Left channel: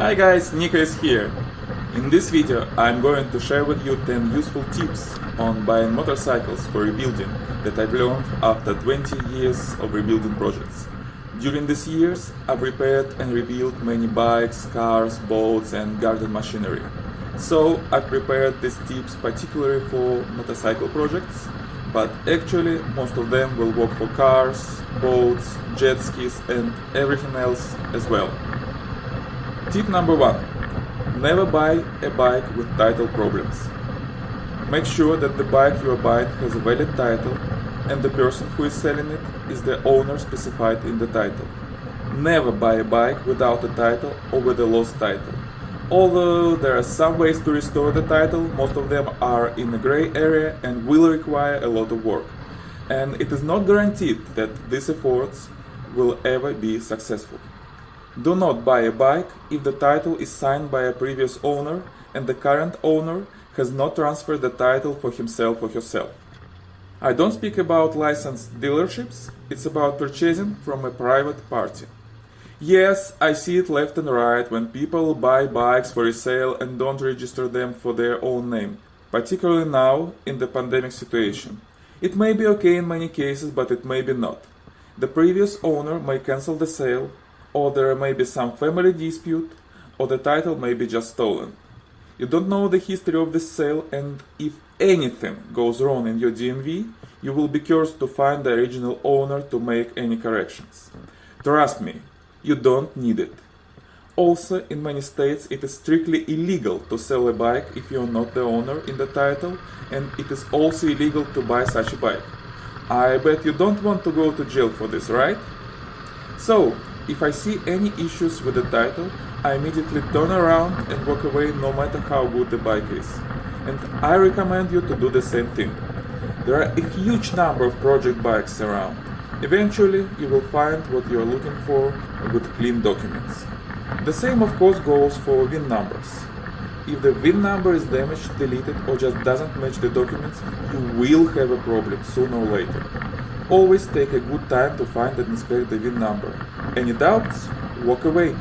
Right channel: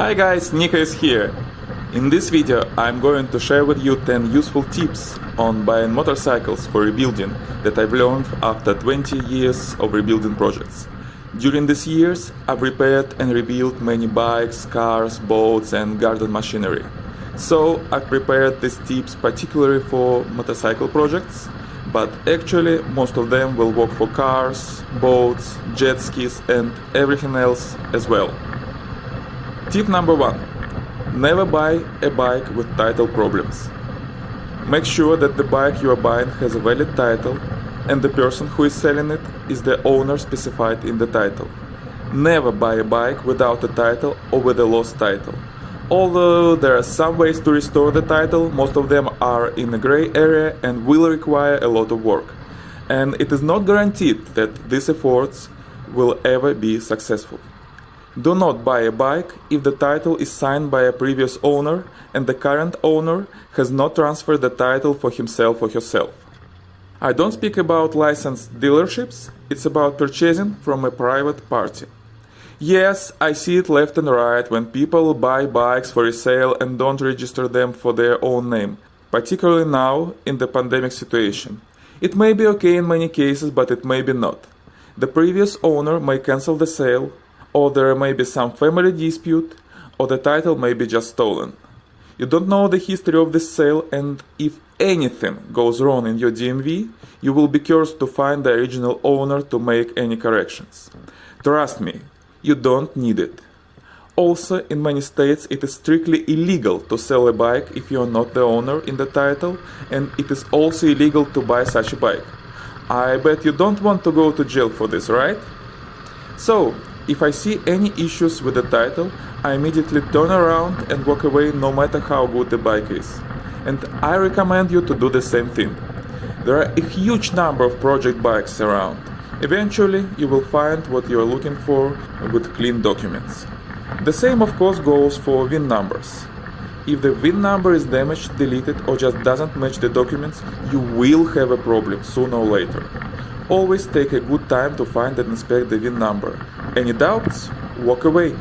Hi guys, Nikko is here. In this video I'm going to share with you 10 useful tips on buying motorcycles for rebuilding that I've learned after 20 years of rebuilding projects. During these years I've repaired and rebuilt many bikes, cars, boats and garden machinery. So I've prepared these tips particularly for motorcycle projects, but actually most of them will work for cars, boats, jet skis and everything else as well. Tip number 1. Never buy a bike with title problems. Make sure that the bike you are buying has a valid title and the person who is selling it is the owner specified in the title. Never buy a bike without a title or with a lost title. Although there are some ways to restore the title, most of them are in a gray area and will require a lot of work. And it is not guaranteed that these efforts will ever be successful. Do not buy a bike if the title is signed by a previous owner and the current owner has not transferred the title for himself or herself. I don't speak about licensed dealerships, it's about purchasing from a private party. Yes, I see it left and right when people buy bikes for resale and don't register them for their own name, particularly now in the pandemic situation. It may be okay in many cases, but it may be not. The previous owner may cancel the sale, or there may be some family dispute, or the title may be just stolen. You don't know the history of this sale, and if anything goes wrong in your DMV, you will be cursed to find the original owner to make any corrections. Trust me, you don't need it. Also, in many states it is strictly illegal to sell a bike if you are not the owner in the title, and it is also illegal to buy such a bike. I bet you don't want to go to jail for this, right? So, if I see any issues with the title, I immediately turn around and walk away no matter how good the bike is. And I recommend you to do the same thing. There are a huge number of project bikes around. Eventually, you will find what you are looking for with clean documents. The same of course goes for VIN numbers. If the VIN number is damaged, deleted or just doesn't match the documents, you will have a problem sooner or later. Always take a good time to find and inspect the VIN number. Any doubts? Walk away.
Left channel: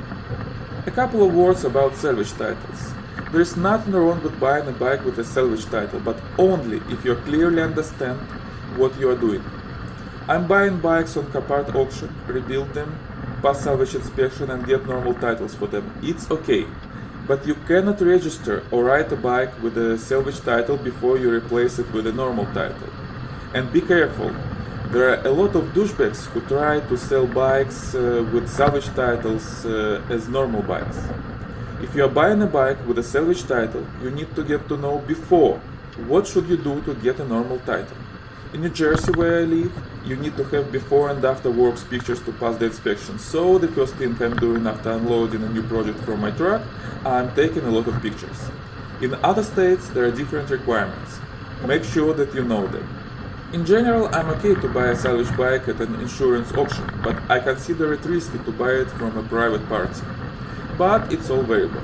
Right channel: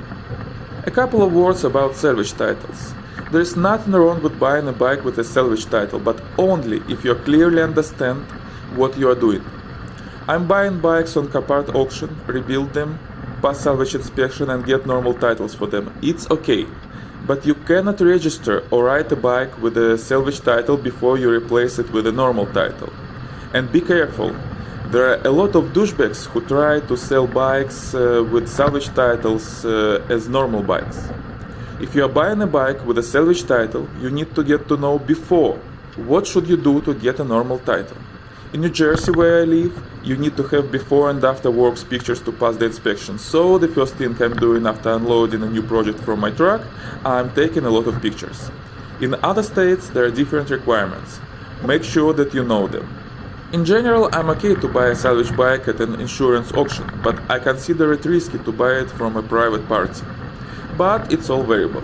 A couple of words about salvage titles. There is nothing wrong with buying a bike with a salvage title, but only if you clearly understand what you are doing. I'm buying bikes on Copart auction, rebuild them, pass salvage inspection and get normal titles for them. It's okay. But you cannot register or write a bike with a salvage title before you replace it with a normal title. And be careful. There are a lot of douchebags who try to sell bikes with salvage titles as normal bikes. If you are buying a bike with a salvage title, you need to get to know before what should you do to get a normal title. In New Jersey, where I live, you need to have before and after works pictures to pass the inspection. So the first thing I'm doing after unloading a new project from my truck, I'm taking a lot of pictures. In other states, there are different requirements. Make sure that you know them. In general, I'm okay to buy a salvage bike at an insurance auction, but I consider it risky to buy it from a private party. But it's all variable.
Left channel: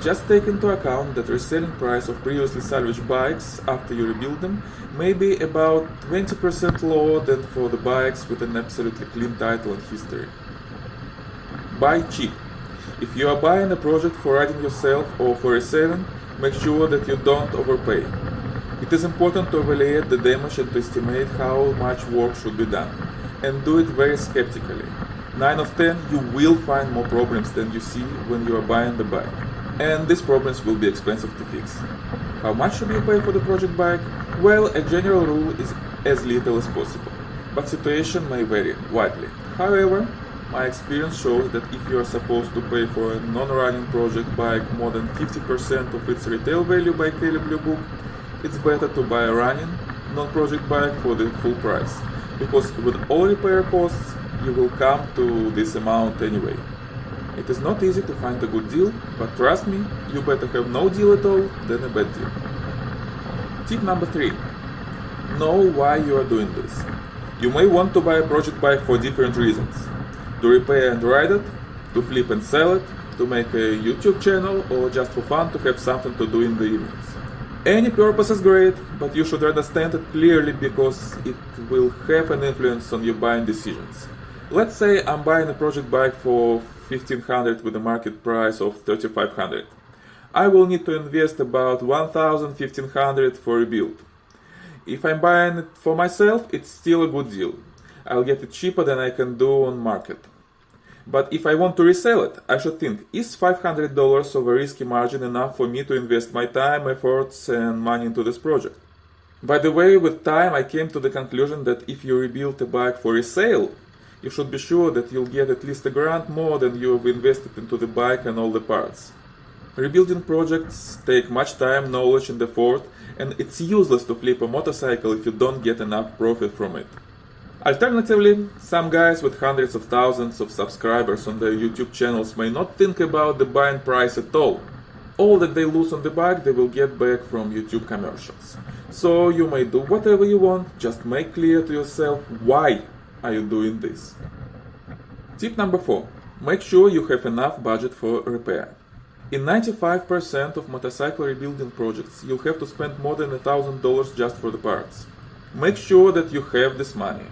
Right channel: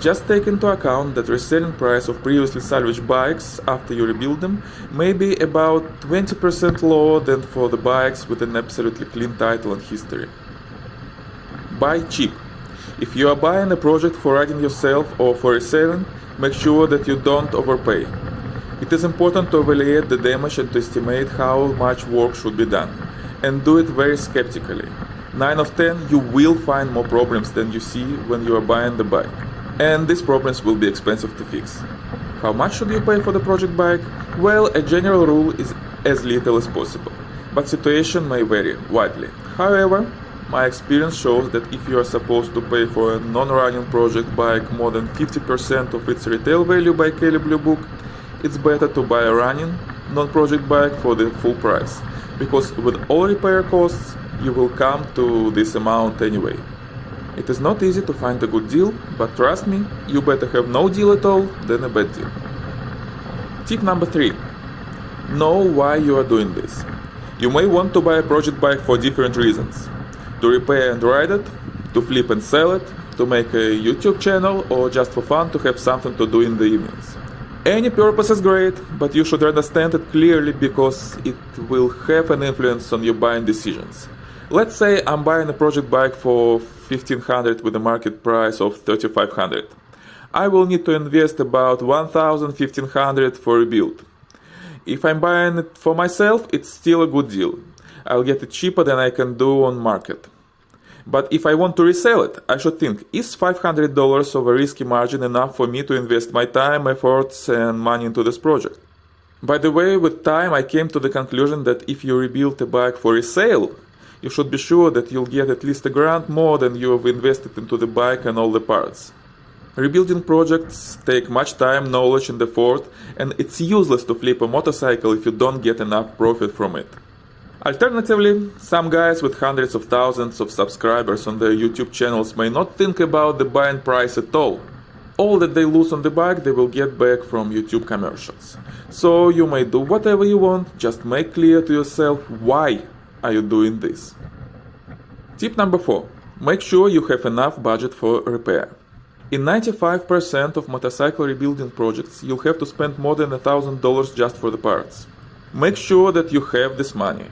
Just take into account that reselling price of previously salvaged bikes after you rebuild them may be about 20% lower than for the bikes with an absolutely clean title and history. Buy cheap. If you are buying a project for riding yourself or for reselling, make sure that you don't overpay. It is important to evaluate the damage and to estimate how much work should be done, and do it very skeptically. 9 of 10, you will find more problems than you see when you are buying the bike, and these problems will be expensive to fix. How much should you pay for the project bike? Well, a general rule is as little as possible, but situation may vary widely. However, my experience shows that if you are supposed to pay for a non-running project bike more than 50% of its retail value by Kelly Blue Book, it's better to buy a running, non-project bike for the full price, because with all repair costs, you will come to this amount anyway. It is not easy to find a good deal, but trust me, you better have no deal at all than a bad deal. Tip number 3. Know why you are doing this. You may want to buy a project bike for different reasons. To repair and ride it, to flip and sell it, to make a YouTube channel, or just for fun to have something to do in the evenings. Any purpose is great, but you should understand it clearly because it will have an influence on your buying decisions. Let's say I'm buying a project bike for $1,500 with a market price of $3,500. I will need to invest about $1,500 for a build. If I'm buying it for myself, it's still a good deal. I'll get it cheaper than I can do on market. But if I want to resell it, I should think, is $500 of a risky margin enough for me to invest my time, efforts and money into this project? By the way, with time I came to the conclusion that if you rebuild a bike for resale, you should be sure that you'll get at least $1,000 more than you've invested into the bike and all the parts. Rebuilding projects take much time, knowledge and effort, and it's useless to flip a motorcycle if you don't get enough profit from it. Alternatively, some guys with hundreds of thousands of subscribers on their YouTube channels may not think about the buying price at all. All that they lose on the bike they will get back from YouTube commercials. So you may do whatever you want, just make clear to yourself why are you doing this. Tip number 4. Make sure you have enough budget for repair. In 95% of motorcycle rebuilding projects, you'll have to spend more than $1,000 just for the parts. Make sure that you have this money.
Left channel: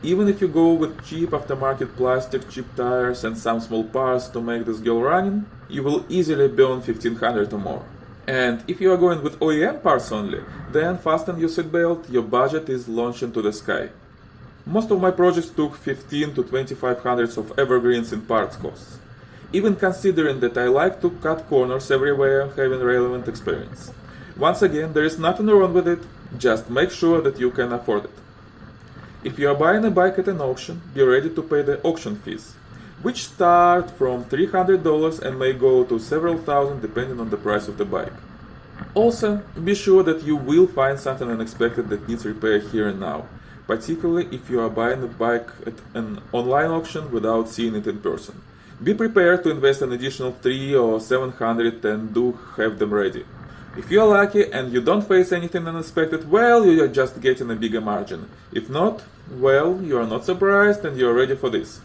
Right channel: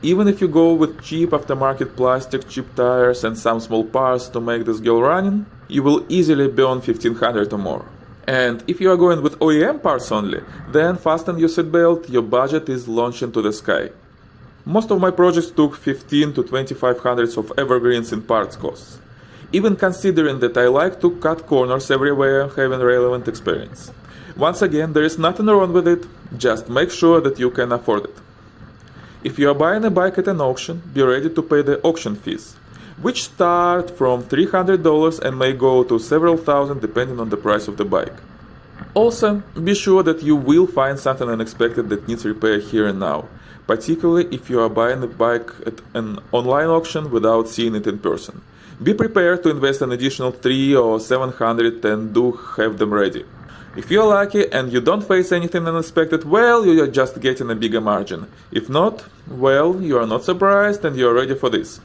Even if you go with cheap aftermarket plastic, cheap tires and some small parts to make this girl running, you will easily burn $1,500 or more. And if you are going with OEM parts only, then fasten your seatbelt, your budget is launching to the sky. Most of my projects took $1,500 to $2,500 of evergreens in parts costs. Even considering that I like to cut corners everywhere, having relevant experience. Once again, there is nothing wrong with it, just make sure that you can afford it. If you are buying a bike at an auction, be ready to pay the auction fees, which start from $300 and may go to several thousand depending on the price of the bike. Also, be sure that you will find something unexpected that needs repair here and now, particularly if you are buying a bike at an online auction without seeing it in person. Be prepared to invest an additional $300 or $700 and do have them ready. If you are lucky and you don't face anything unexpected, well, you are just getting a bigger margin. If not, well, you are not surprised and you are ready for this.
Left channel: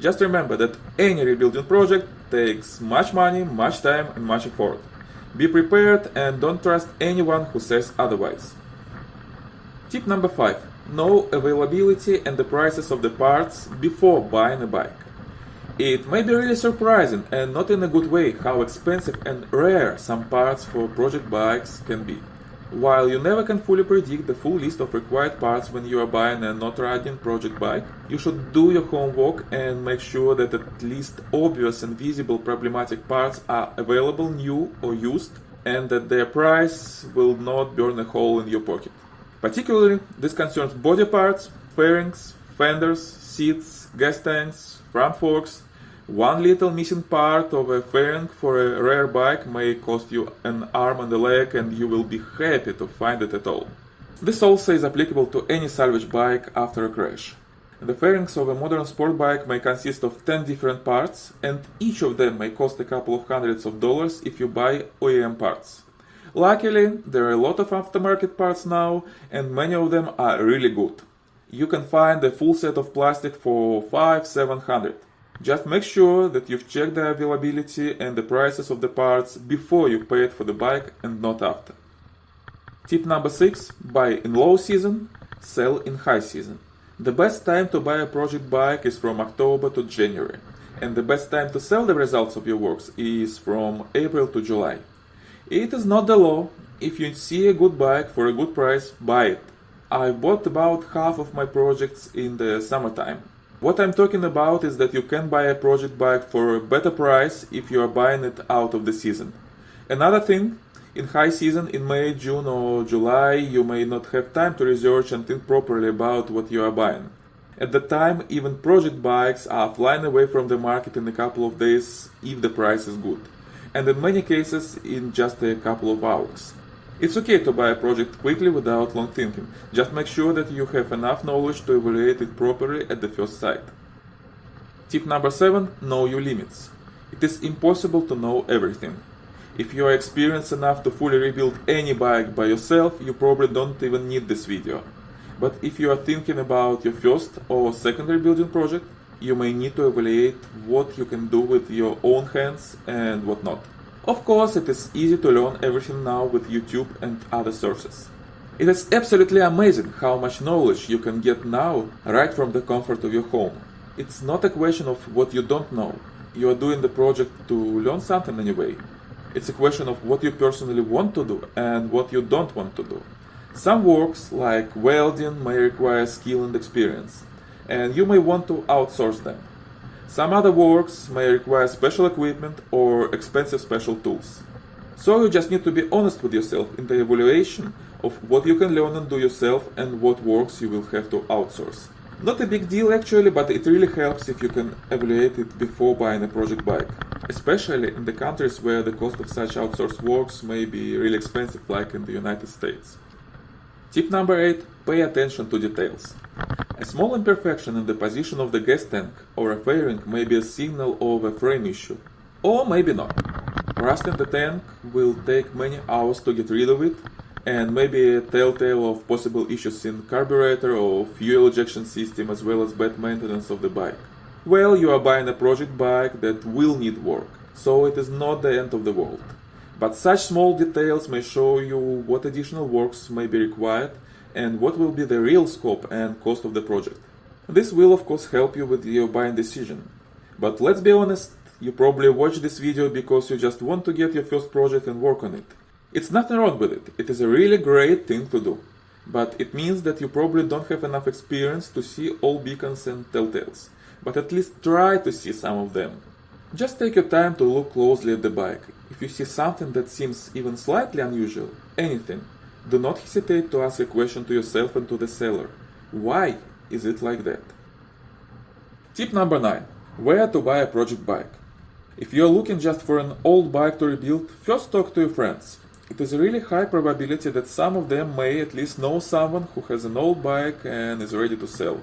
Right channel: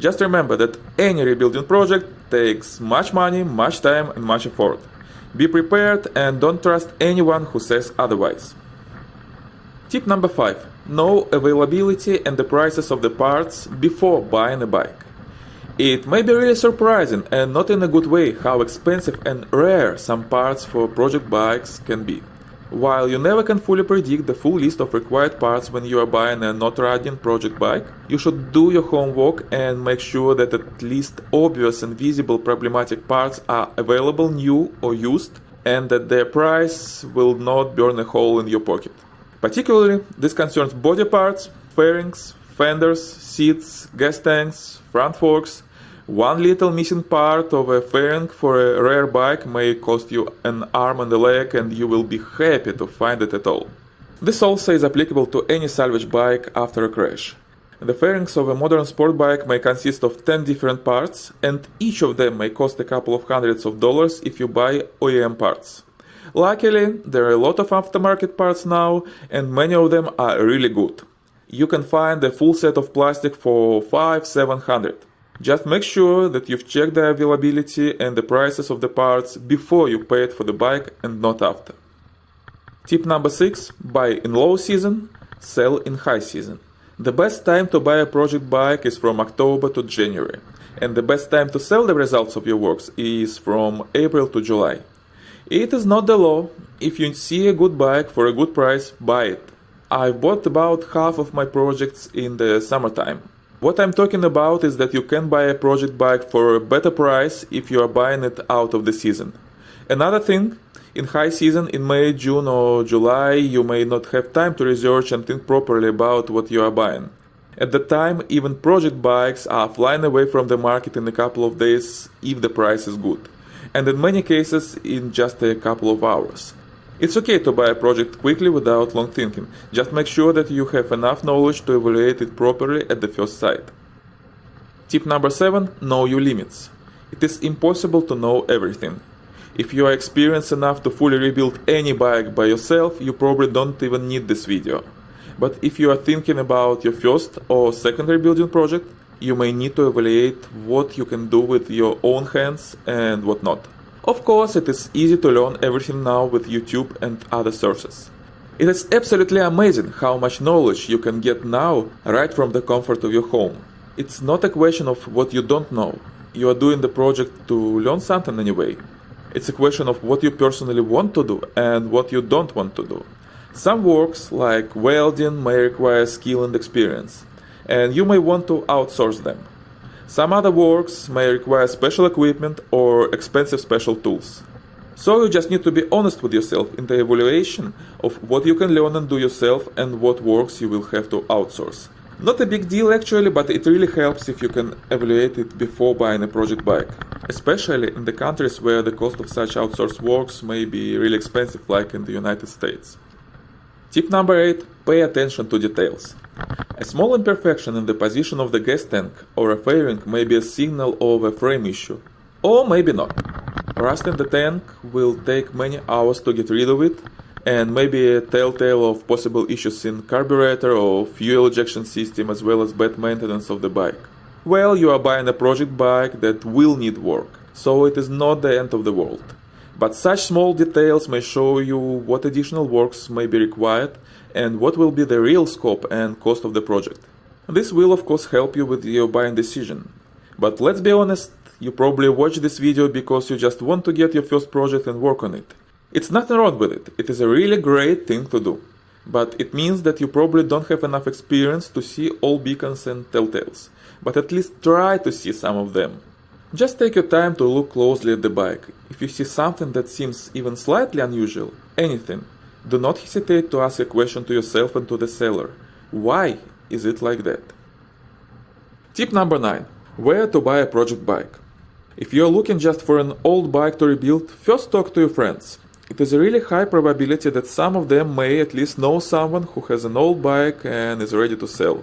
Just remember that any rebuilding project takes much money, much time and much effort. Be prepared and don't trust anyone who says otherwise. Tip number 5. Know availability and the prices of the parts before buying a bike. It may be really surprising, and not in a good way, how expensive and rare some parts for project bikes can be. While you never can fully predict the full list of required parts when you are buying a not-riding project bike, you should do your homework and make sure that at least obvious and visible problematic parts are available new or used, and that their price will not burn a hole in your pocket. Particularly, this concerns body parts, fairings, fenders, seats, gas tanks, front forks. One little missing part of a fairing for a rare bike may cost you an arm and a leg, and you will be happy to find it at all. This also is applicable to any salvage bike after a crash. The fairings of a modern sport bike may consist of 10 different parts, and each of them may cost a couple of hundreds of dollars if you buy OEM parts. Luckily, there are a lot of aftermarket parts now, and many of them are really good. You can find a full set of plastic for $500-700. Just make sure that you've checked the availability and the prices of the parts before you pay it for the bike and not after. Tip number 6. Buy in low season, sell in high season. The best time to buy a project bike is from October to January, and the best time to sell the results of your works is from April to July. It is not the law. If you see a good bike for a good price, buy it. I've bought about half of my projects in the summertime. What I'm talking about is that you can buy a project bike for a better price if you are buying it out of the season. Another thing, in high season, in May, June or July, you may not have time to research and think properly about what you are buying. At that time, even project bikes are flying away from the market in a couple of days if the price is good, and in many cases in just a couple of hours. It's okay to buy a project quickly without long thinking, just make sure that you have enough knowledge to evaluate it properly at the first sight. Tip number 7. Know your limits. It is impossible to know everything. If you are experienced enough to fully rebuild any bike by yourself, you probably don't even need this video. But if you are thinking about your first or second rebuilding project, you may need to evaluate what you can do with your own hands and what not. Of course, it is easy to learn everything now with YouTube and other sources. It is absolutely amazing how much knowledge you can get now right from the comfort of your home. It's not a question of what you don't know. You are doing the project to learn something anyway. It's a question of what you personally want to do and what you don't want to do. Some works, like welding, may require skill and experience, and you may want to outsource them. Some other works may require special equipment or expensive special tools. So you just need to be honest with yourself in the evaluation of what you can learn and do yourself and what works you will have to outsource. Not a big deal actually, but it really helps if you can evaluate it before buying a project bike, especially in the countries where the cost of such outsourced works may be really expensive, like in the United States. Tip number 8. Pay attention to details. A small imperfection in the position of the gas tank or a fairing may be a signal of a frame issue, or maybe not. Rust in the tank will take many hours to get rid of it, and maybe a telltale of possible issues in carburetor or fuel ejection system, as well as bad maintenance of the bike. Well, you are buying a project bike that will need work, so it is not the end of the world. But such small details may show you what additional works may be required and what will be the real scope and cost of the project. This will of course help you with your buying decision. But let's be honest, you probably watch this video because you just want to get your first project and work on it. It's nothing wrong with it, it is a really great thing to do. But it means that you probably don't have enough experience to see all beacons and telltales. But at least try to see some of them. Just take your time to look closely at the bike. If you see something that seems even slightly unusual, anything, do not hesitate to ask a question to yourself and to the seller. Why is it like that? Tip number 9. Where to buy a project bike. If you are looking just for an old bike to rebuild, first talk to your friends. It is a really high probability that some of them may at least know someone who has an old bike and is ready to sell.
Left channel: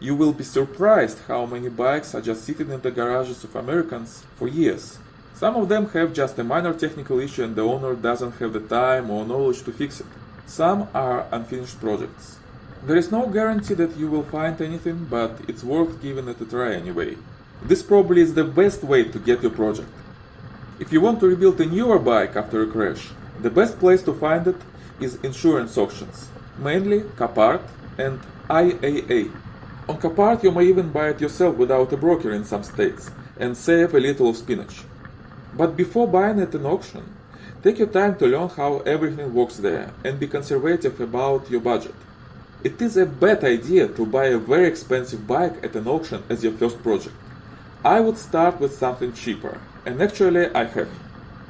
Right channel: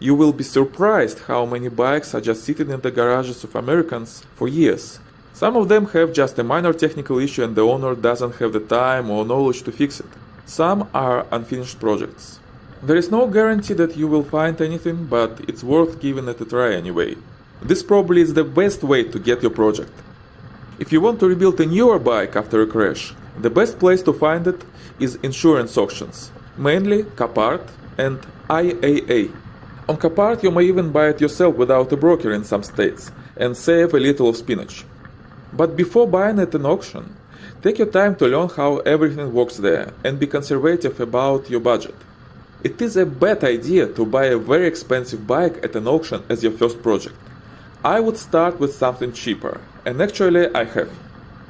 You will be surprised how many bikes are just sitting in the garages of Americans for years. Some of them have just a minor technical issue and the owner doesn't have the time or knowledge to fix it. Some are unfinished projects. There is no guarantee that you will find anything, but it's worth giving it a try anyway. This probably is the best way to get your project. If you want to rebuild a newer bike after a crash, the best place to find it is insurance auctions, mainly Copart and IAA. On Copart you may even buy it yourself without a broker in some states and save a little of spinach. But before buying at an auction, take your time to learn how everything works there and be conservative about your budget. It is a bad idea to buy a very expensive bike at an auction as your first project. I would start with something cheaper, and actually I have.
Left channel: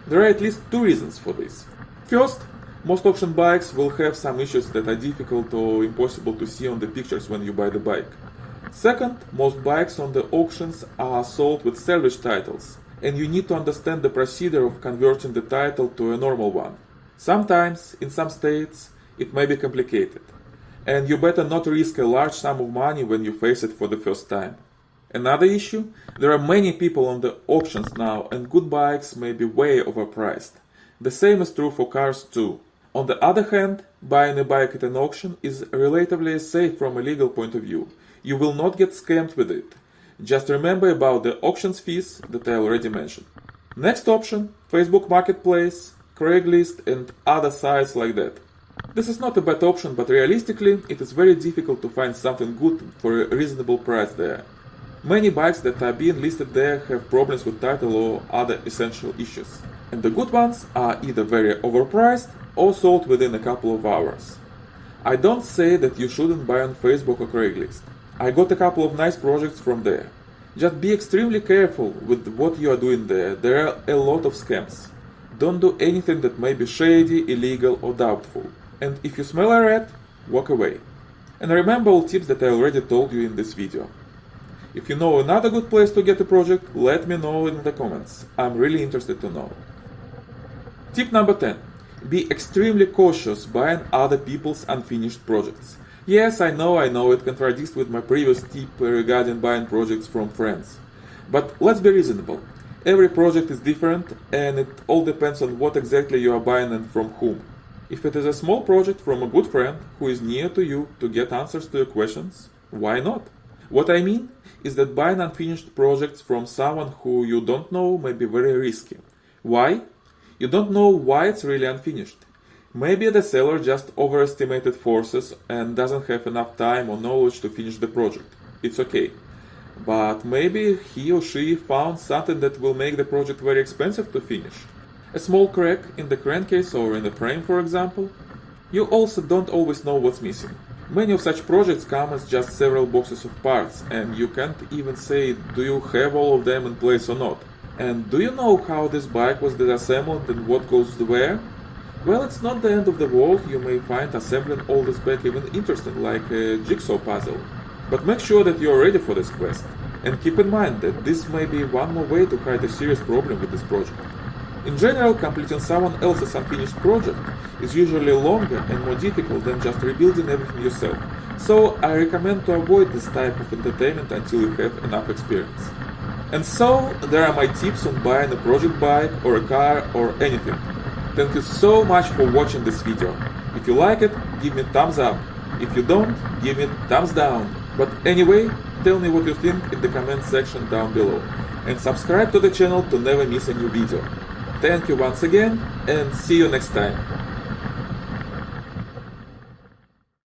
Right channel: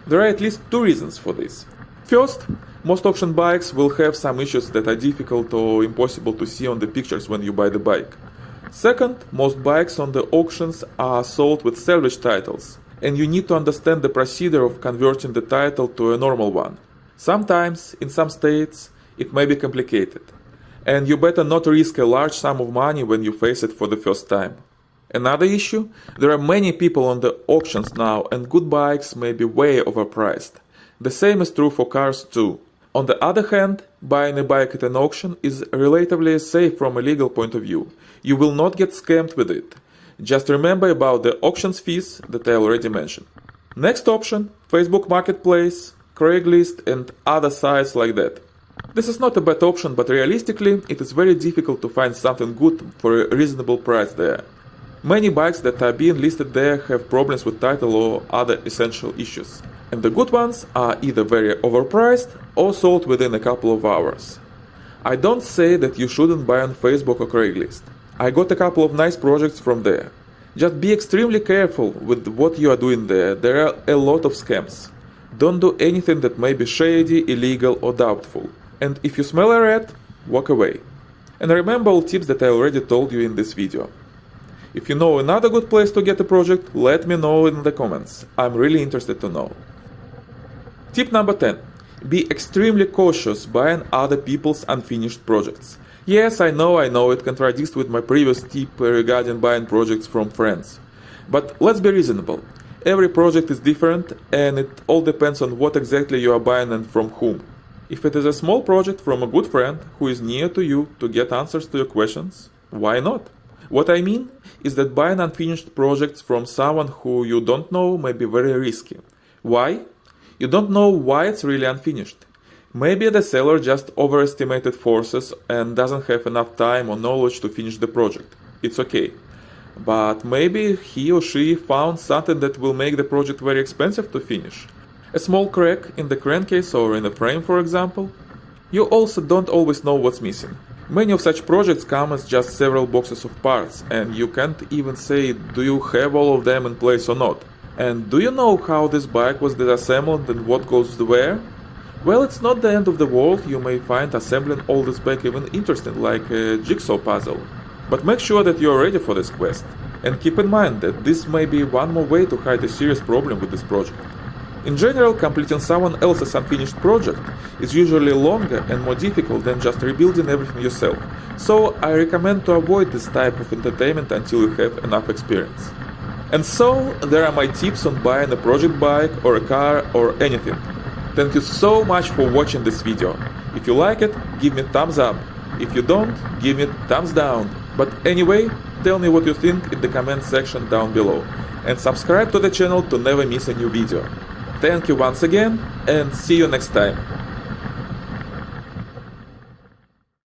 There are at least 2 reasons for this. First, most auction bikes will have some issues that are difficult or impossible to see on the pictures when you buy the bike. Second, most bikes on the auctions are sold with salvage titles, and you need to understand the procedure of converting the title to a normal one. Sometimes, in some states, it may be complicated, and you better not risk a large sum of money when you face it for the first time. Another issue, there are many people on the auctions now and good bikes may be way overpriced. The same is true for cars too. On the other hand, buying a bike at an auction is relatively safe from a legal point of view. You will not get scammed with it. Just remember about the auctions fees that I already mentioned. Next option, Facebook Marketplace, Craigslist and other sites like that. This is not a bad option, but realistically it is very difficult to find something good for a reasonable price there. Many bikes that are being listed there have problems with title or other essential issues. And the good ones are either very overpriced or sold within a couple of hours. I don't say that you shouldn't buy on Facebook or Craigslist. I got a couple of nice projects from there. Just be extremely careful with what you are doing there. There are a lot of scams. Don't do anything that may be shady, illegal or doubtful. And if you smell a rat, walk away. And remember all tips that I already told you in this video. If you know another good place to get a project, let me know in the comments. I'm really interested to know. Tip number 10. Be extremely cautious buying other people's unfinished projects. Yes, I know it contradicts with my previous tip regarding buying projects from friends. But let's be reasonable. Every project is different and it all depends on what exactly you are buying and from whom. If it is a small project from a good friend who is near to you to get answers to your questions, why not? What I mean is that buying unfinished projects from someone who you don't know may be very risky. Why? You don't know why it's really unfinished. Maybe the seller just overestimated forces and doesn't have enough time or knowledge to finish the project. It's okay. but maybe he or she found something that will make the project very expensive to finish. A small crack in the crankcase or in the frame, for example. You also don't always know what's missing. Many of such projects come as just several boxes of parts, and you can't even say do you have all of them in place or not. And do you know how this bike was disassembled and what goes where? Well, it's not the end of the world. You may find assembling all this bike even interesting, like a jigsaw puzzle. But make sure that you're ready for this quest. And keep in mind that this may be one more way to hide a serious problem with this project. In general, completing someone else's unfinished project is usually longer and more difficult than just rebuilding everything yourself. So I recommend to avoid this type of entertainment until you have enough experience. And so, there are my tips on buying a project bike or a car or anything. Thank you so much for watching this video. If you like it, give me thumbs up. If you don't, give me thumbs down. But anyway, tell me what you think in the comment section down below. And subscribe to the channel to never miss a new video. Thank you once again, and see you next time.